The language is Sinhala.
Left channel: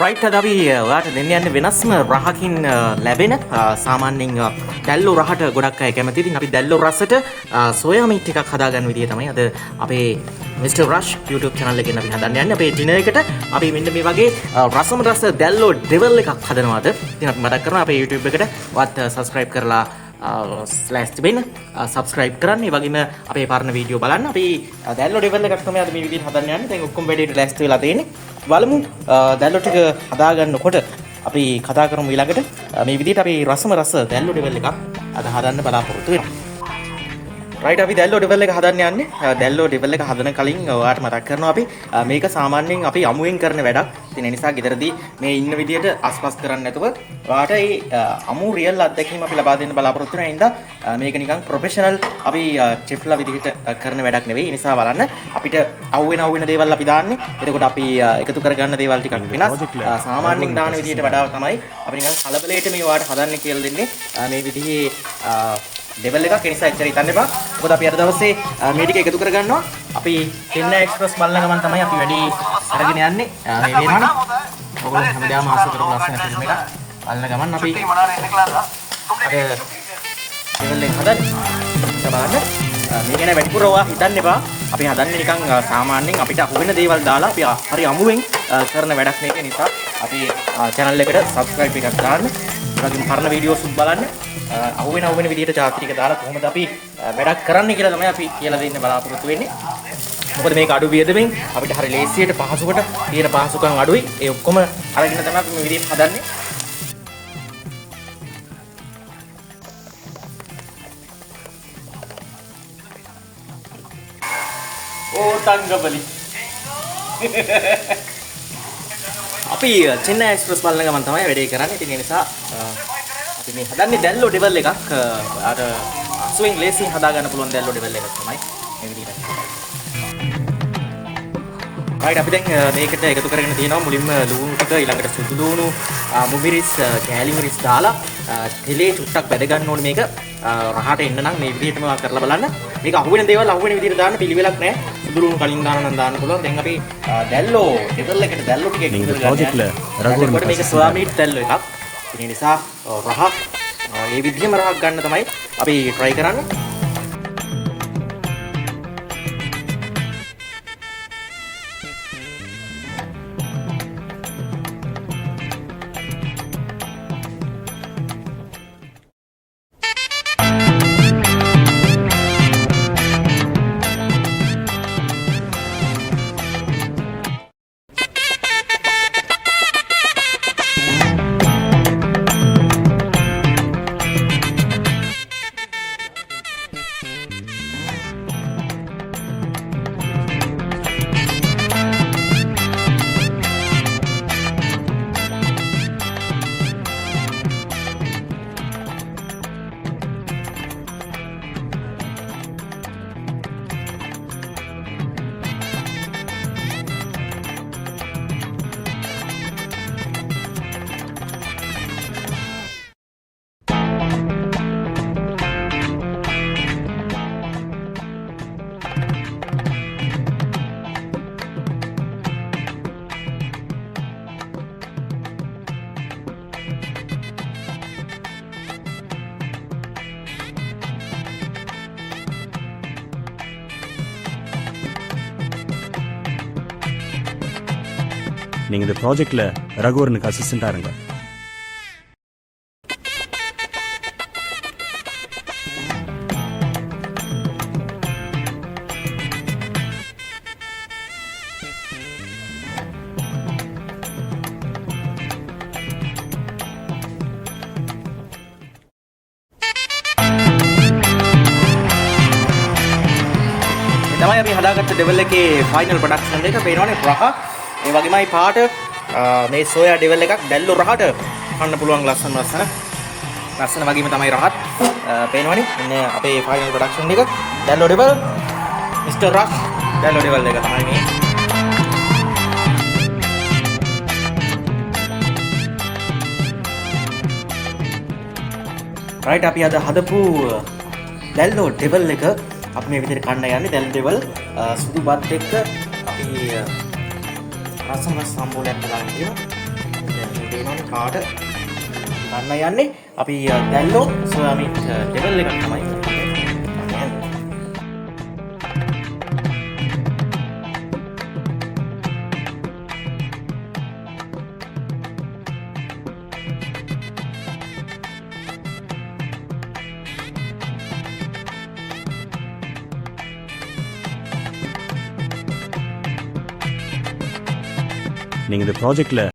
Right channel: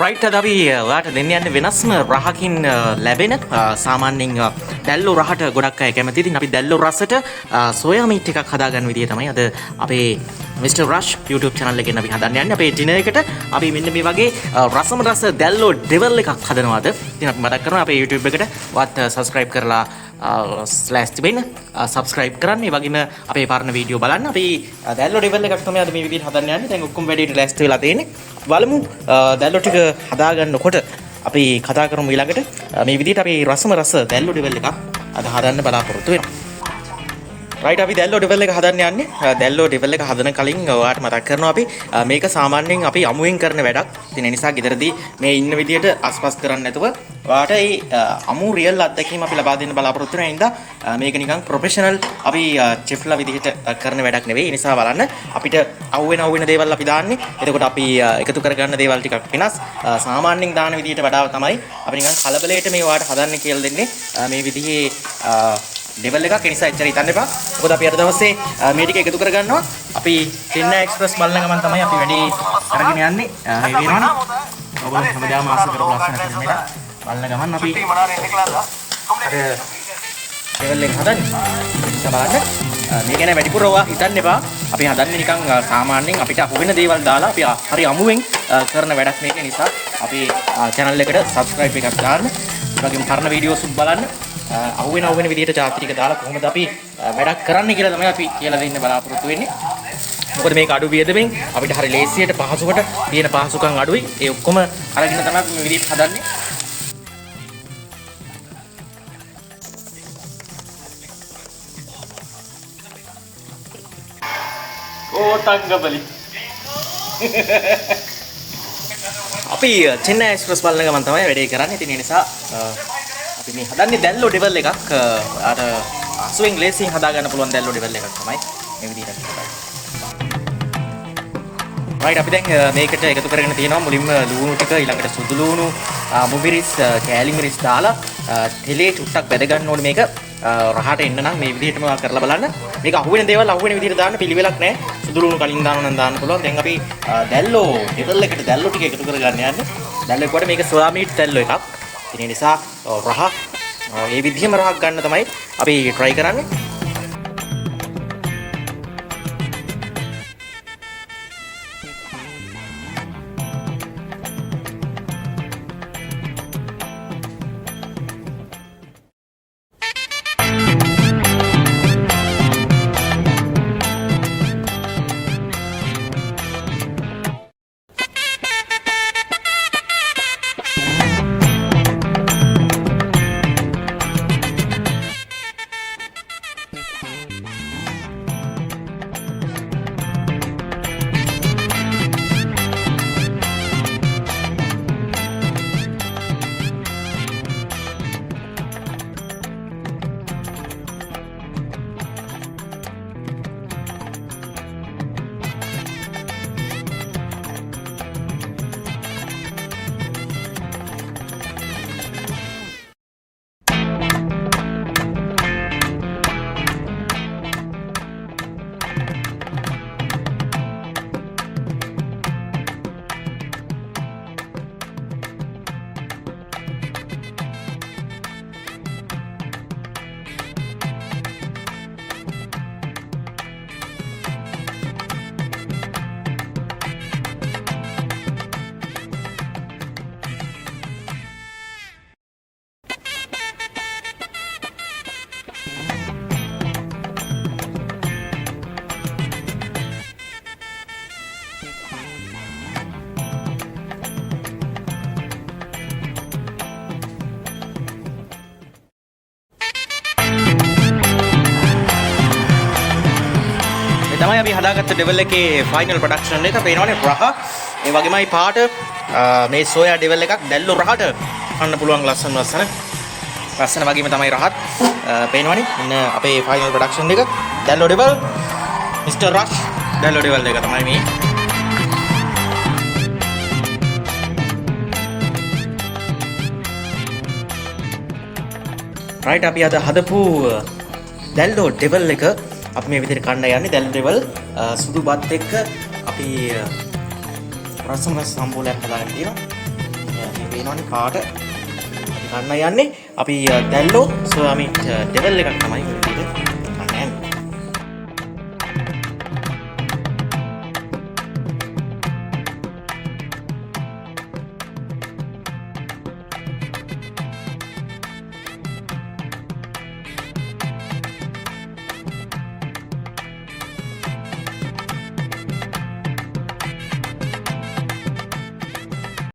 රයිට් අද අපි ඔයාලට දෙන්න යන්නේ වෙනස්ම රහකින් ලැබෙන සාමාන්‍යයෙන් දැල්ලෝ රහට ගොඩක් අය කැමති. ඉතින් අපි දැල්ලෝ රසට සෝයා මීට් එකක් හදාගන්න විදිය තමයි අද අපේ Mr. Rush YouTube channel එකෙන් අපි හදන්න යන්නේ. අපේ ඩිනර් එකට අපි මෙන්න මේ වගේ රසම රස දැල්ලෝ ඩෙවල් එකක් හදනවාද. ඉතින් අපි මතක් කරනවා අපේ YouTube එකට වත් subscribe කරලා ස්ලෑෂ් තිබෙන්න subscribe කරන්න. ඒ වගේම අපේ පරණ වීඩියෝ බලන්න. අපි දැල්ලෝ ඩෙවල් එකක් තමයි අද මේ විදිහට හදන්න යන්නේ. දැන් ඔක්කොම වැඩේට ලෑස්ති වෙලා තියෙන්නේ. බලමු දැල්ලෝ ටික හදාගන්නකොට අපි කතා කරමු ඊළඟට මේ විදිහට අපි රසම රස දැල්ලෝ ඩෙවල් එකක් අද හදන්න බලාපොරොත්තු වෙනවා. රයිට් අපි දැල්ලෝ ඩෙවල් එක හදන්න යන්නේ. දැල්ලෝ ඩෙවල් එක හදන කලින් ඔයාලට මතක් කරනවා අපි මේක සාමාන්‍යයෙන් අපි අමුවෙන් කරන වැඩක්. ඉතින් ඒ නිසා ගෙදරදී මේ ඉන්න විදිහට අස්පස් කරන්නේ නැතුව ඔයාලට මේ අමු රියල් අත්දැකීම අපි ලබා දෙන්න බලාපොරොත්තු වෙන හින්දා මේක නිකන් ප්‍රොෆෙෂනල් අපි චෙෆ්ලා විදිහට කරන වැඩක් නෙවෙයි. ඒ නිසා බලන්න අපිට අහුවෙන දේවල් අපි දාන්නේ. එතකොට අපි එකතු කරගන්න දේවල් ටිකක් වෙනස්. සාමාන්‍යයෙන් දාන විදිහට වඩා තමයි අපි නිකන් කලබලයට මේ ඔයාලට හදන්න කියලා දෙන්නේ. මේ විදිහේ ඩෙවල් එකක්. ඒ නිසා එච්චර හිතන්න එපා. මොකද අපි අද දවසේ මේ ටික එකතු කරගන්නවා. අපි චෙන්නයි එක්ස්ප්‍රස් බලන ගමන් තමයි අපි වැඩි අරගෙන යන්නේ. මේ වෙනවනේ. ඔයගොල්ලෝ හැමදාම ආස කරපු ලස්සන ෆිල්ම් එකක් බලන ගමන් අපි අර ඩෙවල් එක හදන්නේ. ඒක බලන්න. මේ ගැන වැඩිපුර ඔයා හිතන්න එපා. අපි හදන්නේ නිකන් සාමාන්‍යයෙන් අපිට අහුවෙන දේවල් දාලා අපි හරි අමුවෙන් කරන වැඩක් මේක. නිසා අපි channel එකට subscribe එකක් දාන්න. ඒ වගේම පරණ වීඩියෝස් බලන්න. අහුවෙන විදිහට චාත්‍රික දාලා කොහොමද අපි වැඩක් කරන්නේ කියලා තමයි අපි කියලා දෙන්න බලාපොරොත්තු වෙන්නේ. මොකද මේක අඩු වියදමෙන් අපිට හරි ලේසියට පහසුකට තියෙන පහසුකම් අඩුයි. ඒ ඔක්කොම අරගෙන තමයි අපි මේ විදිහට හදන්නේ. ඕ තංගබලි. අපි චෙන්නයි එක්ස්ප්‍රස් බලන ගමන් තමයි වැඩේ කරන්නේ. ඉතින් ඒ නිසා අපි මේ හදන්නේ දැල්ලෝ ඩෙවල් එකක්. අර අසුවෙන් ලේසියෙන් හදා ගන්න පුළුවන් දැල්ලෝ ඩෙවල් එකක් තමයි මේ විදිහට හදන්නේ. රයිට් අපි දැන් මේකට එකතු කරගෙන තියෙනවා මුලින්ම ලුණු ටික, ඊළඟට සුදු ලුණු, මුමිරිස්, කෑලි මිරිස් දාලා තෙලේ චුට්ටක් බැද ගන්න ඕනේ මේක. රහට එන්න නම් මේ විදිහටම කරලා බලන්න. මේක අහුවෙන දේවල් අහුවෙන විදිහට දාන්න පිළිවෙලක් නැහැ. සුදු ලුණු කලින් දානවා නම් දාන්න පුළුවන්. දැන් අපි දැල්ලෝ ඩෙවල් එකට දැල්ලෝ ටික එකතු කරගන්න යන්නේ. දැල්ලෝ මේක සෝයා මීට් දැල්ලෝ එකක්. ඒ නිසා රහ මේ විදිහම රහක් ගන්න තමයි අපි try කරන්නේ. நீங்க இந்த ப்ராஜெக்ட்ல ரகுவரனுக்கு அசிஸ்டண்டா இருங்க. මේ තමයි අපි හදාගත්ත ඩෙවල් එකේ ෆයිනල් ප්‍රොඩක්ෂන් එක. පේනවනේ රහ. ඒ වගේමයි පාට මේ සෝයා ඩෙවල් එකක් දැල්ලෝ රහට කන්න පුළුවන් ලස්සන වගේම තමයි රහත්. පේනවනේ මෙන්න අපේ ෆයිනල් ප්‍රොඩක්ෂන් එක දැල්ලෝ ඩෙවල් Mr. Rush දැල්ලෝ ඩෙවල් එක තමයි මේ. රයිට් අපි අද හදපු දැල්ලෝ ඩෙවල් එක අපි මේ විදිහට කන්න යන්නේ. දැල්ලෝ ඩෙවල් සුදු බත් එක්ක අපි රසම රස සම්බෝලයක් හදාගෙන තියෙනවා. මේ පේනවනේ පාට ගන්න යන්නේ අපි දැල්ලෝ සෝයා මීට් ඩෙවල් එකක් තමයි මේ විදිහට ගන්න යන්නේ. நீங்க இந்த ப்ராஜெக்ட்ல